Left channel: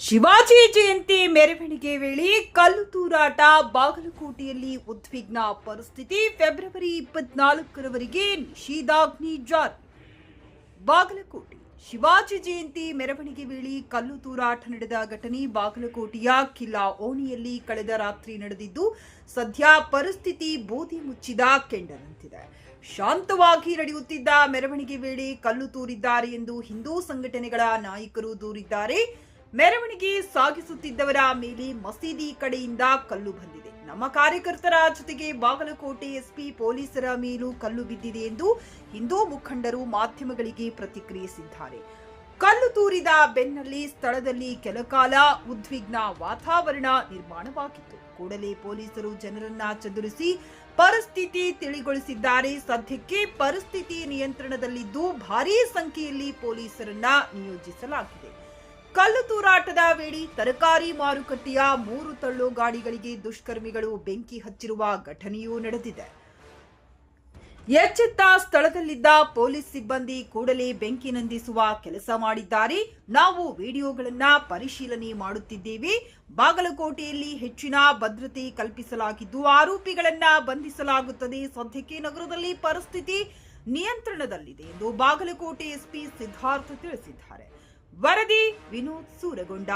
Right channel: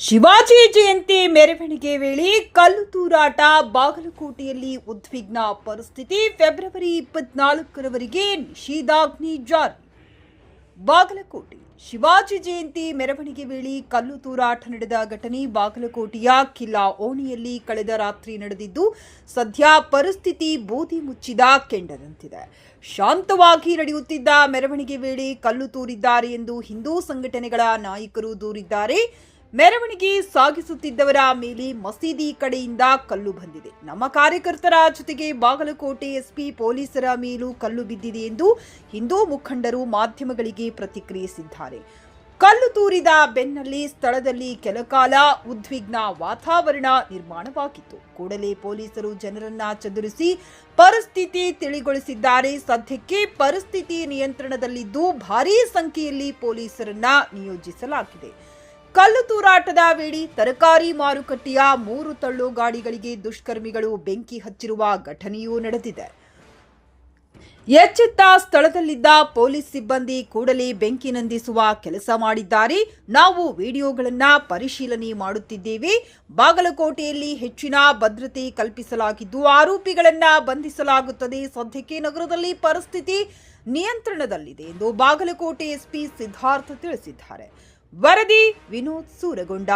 ಶಿವಾಜಿ ಜಯಂತಿ ಮೆರವಣಿಗೆ ವೇಳೆ ಕಲ್ಲು ತೂರಾಟ, ಬಾಗಲಕೋಟೆಯಲ್ಲಿ ಉದ್ವಿಗ್ನ ಪರಿಸ್ಥಿತಿ. ಫೆಬ್ರವರಿ 24ರವರೆಗೆ ನಿಷೇಧಾಜ್ಞೆ ಜಾರಿ. ಬಾಗಲಕೋಟೆ ಶಿವಾಜಿ ಜಯಂತಿ ಮೆರವಣಿಗೆ ವೇಳೆ ಕಲ್ಲು ತೂರಾಟ ನಡೆದ ಘಟನೆ ಬಾಗಲಕೋಟೆಯ ಕಿಲ್ಲಾ ಓಣಿಯಲ್ಲಿ ಕಳೆದ ರಾತ್ರಿ ನಡೆದಿದ್ದು, ಸದ್ಯ ಪರಿಸ್ಥಿತಿ ಬೂದಿ ಮುಚ್ಚಿದ ಕೆಂಡದಂತಿದೆ. ಶಾಂತವಾಗಿ ನಡೆಯುತ್ತಿದ್ದ ಮೆರವಣಿಗೆ ವೇಳೆ ಕಲ್ಲು ತೂರಿದ್ದಾರೆ ಎಂದು ಹಿಂದೂ ಸಂಘಟನೆಗಳ ನಾಯಕರು ದೂರಿದ್ದಾರೆ. ಮೆರವಣಿಗೆ ಸಾಗಿಸುತ್ತಿದ್ದವರ ಮೇಲೆ ಮಸೀದಿ ಕಡೆಯಿಂದ ಕಲ್ಲು ಬಂದಿದೆ. ನಮ್ಮ ಕಾರ್ಯಕರ್ತರ ಜೊತೆಗೆ ಬಾಗಲಕೋಟೆ ಎಸ್ಪಿ ಪೊಲೀಸರ ಮೇಲೂ ಕಲ್ಲು ಬಿದ್ದಿದೆ ಎಂದು ಹಿಂದೂ ಮುಖಂಡರು ಮಾಧ್ಯಮಗಳಿಗೆ ಪ್ರತಿಕ್ರಿಯಿಸಿದ್ದಾರೆ. ಕಲ್ಲು ತೂರಿದ ಬೆನ್ನಲ್ಲೇ ಸ್ಥಳದಲ್ಲಿ ಕೆಲಕಾಲ ಉದ್ವಿಗ್ನ ವಾತಾವರಣ ನಿರ್ಮಾಣವಾಗಿತ್ತು. ಕೂಡಲೇ ಪೊಲೀಸರು ಜನರನ್ನ ಚದುರಿಸಿ ಪರಿಸ್ಥಿತಿ ತಿಳಿಗೊಳಿಸಿದ್ದಾರೆ. ಸದ್ಯಕ್ಕೆ ಪರಿಸ್ಥಿತಿ ನಿಯಂತ್ರಣದಲ್ಲಿದ್ದು ಭಾರೀ ಸಂಖ್ಯೆಯಲ್ಲಿ ಪೊಲೀಸರನ್ನ ನಿಯೋಜಿಸಲಾಗಿದೆ. ಕಲ್ಲು ತೂರಾಟದ ವೇಳೆ ತರಕಾರಿ ಮಾರುಕಟ್ಟೆಯ 3 ತಳ್ಳು ಗಾಡಿಗಳಿಗೆ ದುಷ್ಕರ್ಮಿಗಳು ಬೆಂಕಿ ಹಚ್ಚಿರುವ ಘಟನೆಯೂ ನಡೆದಿದೆ. ಎಚ್ಚೆತ್ತ ಸ್ಥಳದಲ್ಲಿದ್ದ ಪೊಲೀಸ್ ಸಿಬ್ಬಂದಿ ಕೂಡಲೇ ಬೆಂಕಿ ನಂದಿಸುವ ಕೆಲಸ ಮಾಡಿದ್ದಾರೆ. ನಾವು ವಿಡಿಯೋಗಳನ್ನು ಪರಿಶೀಲನೆ ಮಾಡುತ್ತಿದ್ದೇವೆ. ಬಾಗಲಕೋಟೆಯಲ್ಲಿ ಹೆಚ್ಚಿನ ಭದ್ರತೆ ಕಲ್ಪಿಸಲಾಗಿದ್ದು ಆರೋಪಿಗಳನ್ನು ಬಂಧಿಸಲಾಗುತ್ತದೆ. ಸದ್ಯಕ್ಕೆ ನಗರದಲ್ಲಿ ಪರಿಸ್ಥಿತಿ ನಿಯಂತ್ರಣದಲ್ಲಿದೆ ಎಂದು ಬಾಗಲಕೋಟೆ ಎಸ್ಪಿ ಸಿದ್ಧಾರ್ಥ ತಿಳಿಸಿದ್ದಾರೆ. ವರದಿ ವಿನೋದ್ ಸೂರಗೊಂಡ.